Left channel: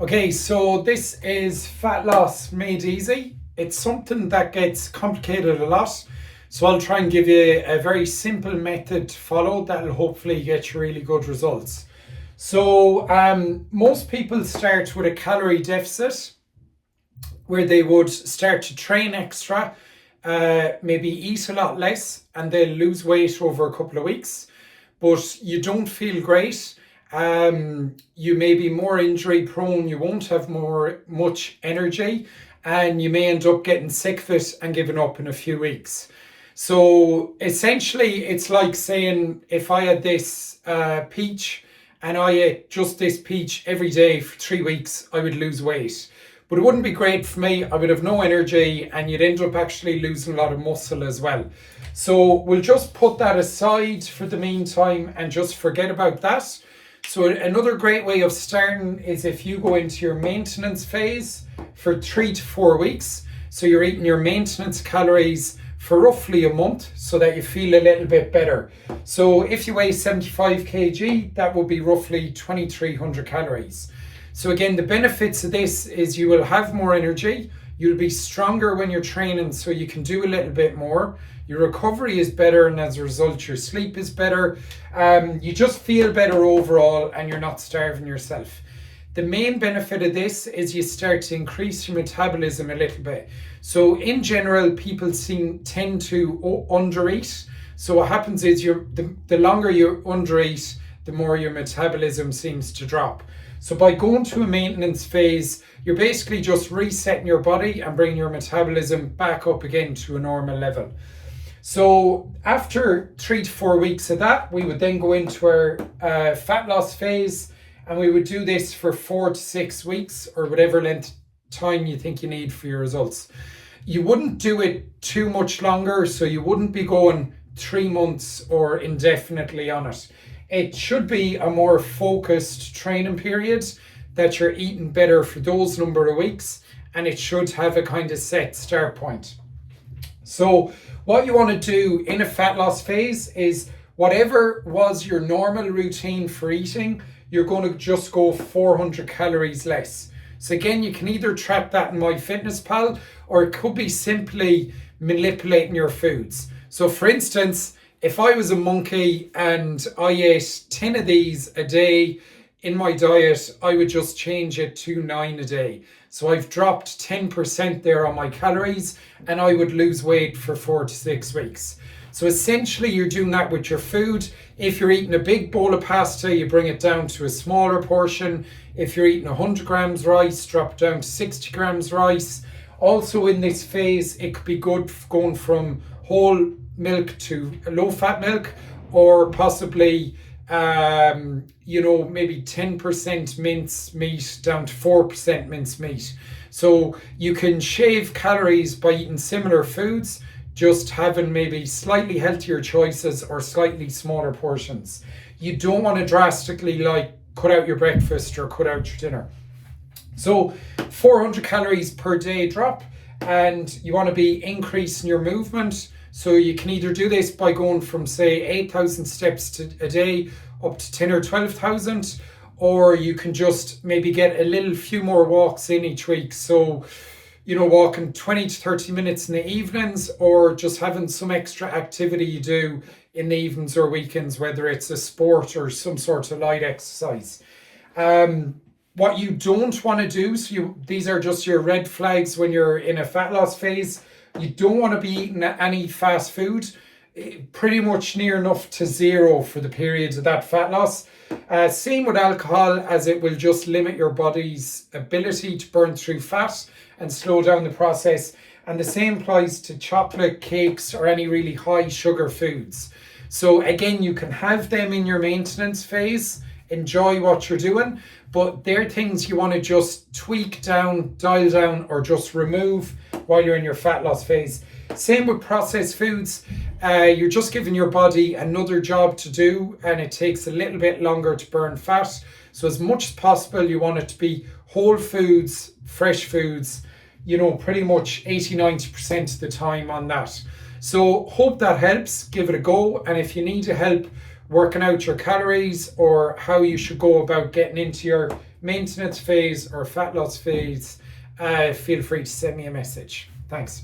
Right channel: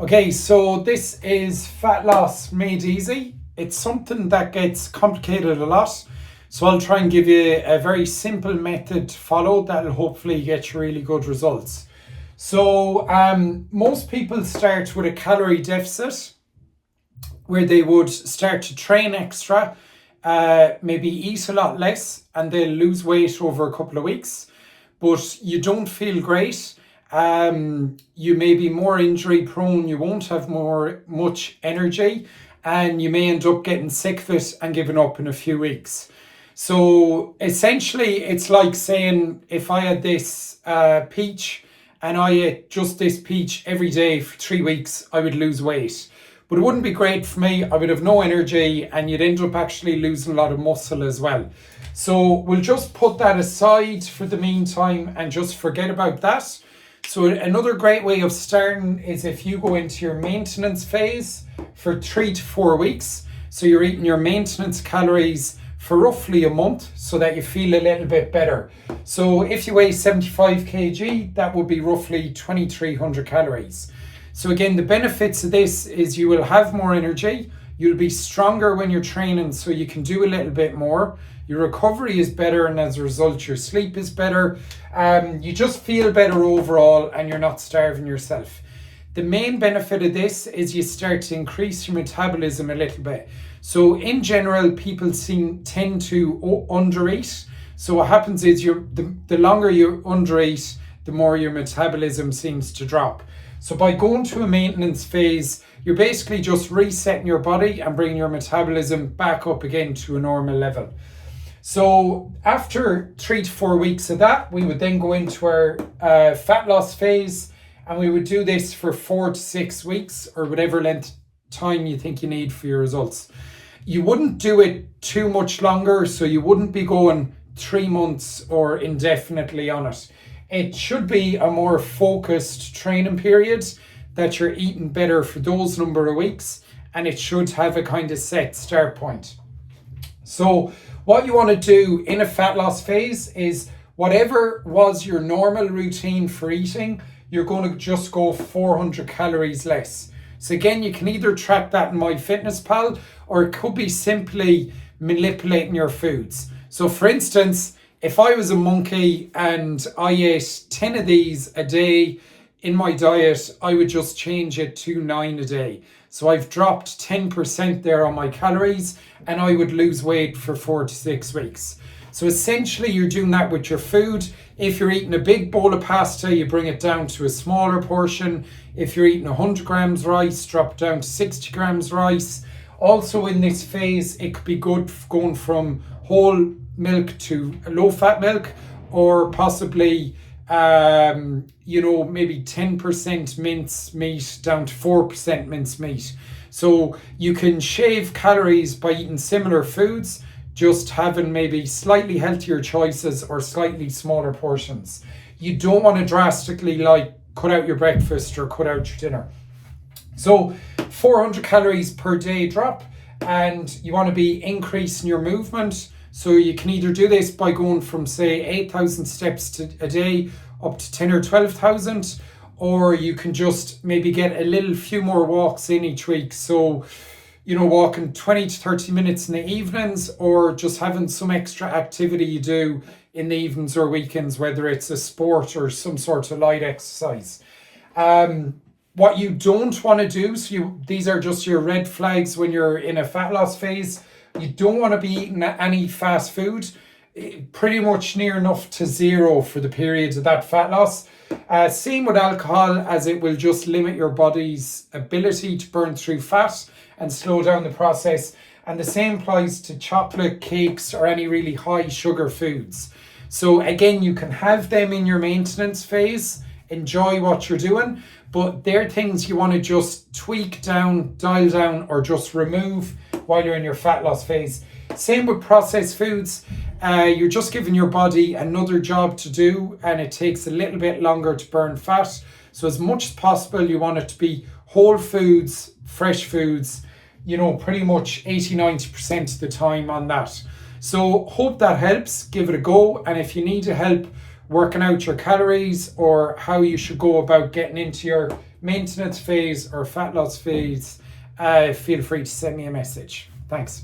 Okay, so this is fat loss made easy. It's something that gets complicated a lot. So I'll try and give you a very simple method to follow that'll hopefully get you really good results. So most people start with a calorie deficit where they would start to train extra, maybe eat a lot less, and they'll lose weight over a couple of weeks. But you don't feel great. You may be more injury prone, you won't have much energy, and you may end up getting sick of it and giving up in a few weeks. So essentially, it's like saying if I had this peach and I ate just this peach every day for 3 weeks, I would lose weight. But it wouldn't be great for me. I would have no energy and you'd end up actually losing a lot of muscle as well. So we'll just put that aside for the meantime and just forget about that. So another great way of starting is if you go into your maintenance phase for 3 to 4 weeks. So you're eating your maintenance calories for roughly a month so that you feel a little bit better. So if you weigh 75 kg, that would be roughly 2,300 calories. So again, the benefits of this is you will have more energy, you'll be stronger when you're training so you can do a little bit more. Your recovery is better and as a result your sleep is better. You just feel better overall and you're not starving yourself. The main benefit of this is you start to increase your metabolism a little bit. So in general, people tend to undereat. So what happens is the longer you undereat, the more your metabolism seems to drop. So by going to a maintenance phase, you're basically just resetting your body and bringing your metabolism back up again to a normal level. So after 3 to 4 weeks of that, we would then go into our fat loss phase, and we would do this for 4 to 6 weeks or whatever length time you think you need for your results. You wouldn't do it too much longer, so you wouldn't be going 3 months or indefinitely on it. It should be a more focused training period that you're eating better for those number of weeks, and it should have a kind of set start point. So what you want to do in a fat loss phase is whatever was your normal routine for eating, you're going to just go 400 calories less. So again, you can either track that in MyFitnessPal or it could be simply manipulating your foods. So for instance, if I was a monkey and I ate 10 of these a day in my diet, I would just change it to 9 a day. So I've dropped 10% there on my calories and I would lose weight for 4 to 6 weeks. So essentially you're doing that with your food. If you're eating a big bowl of pasta, you bring it down to a smaller portion. If you're eating 100 grams rice, drop it down to 60 grams rice. Also in this phase, it could be good going from whole milk to low fat milk, or possibly maybe 10% mince meat down to 4% mince meat. So you can shave calories by eating similar foods, just having maybe slightly healthier choices or slightly smaller portions. You don't want to drastically cut out your breakfast or cut out your dinner. So 400 calories per day drop, and you want to be increasing your movement. So you can either do this by going from say 8,000 steps a day up to 10 or 12,000, or you can just maybe get a few more walks in each week. So, walking 20 to 30 minutes in the evenings, or just having some extra activity you do in the evenings or weekends, whether it's a sport or some sort of light exercise. What you don't want to do, these are just your red flags when you're in a fat loss phase. You don't want to be eating any fast food, pretty much near enough to zero for the periods of that fat loss. Same with alcohol, as it will just limit your body's ability to burn through fat and slow down the process. And the same applies to chocolate, cakes, or any really high sugar foods. So again, you can have them in your maintenance phase, enjoy what you're doing, but they're things you want to just tweak down, dial down, or just remove while you're in your fat loss phase. Same with processed foods. You're just giving your body another job to do, and it takes a little bit longer to burn fat. So as much as possible, you want it to be whole foods, fresh foods, pretty much 80-90% of the time on that. So hope that helps. Give it a go. And if you need help working out your calories or how you should go about getting into your maintenance phase or fat loss phase, feel free to send me a message. Thanks.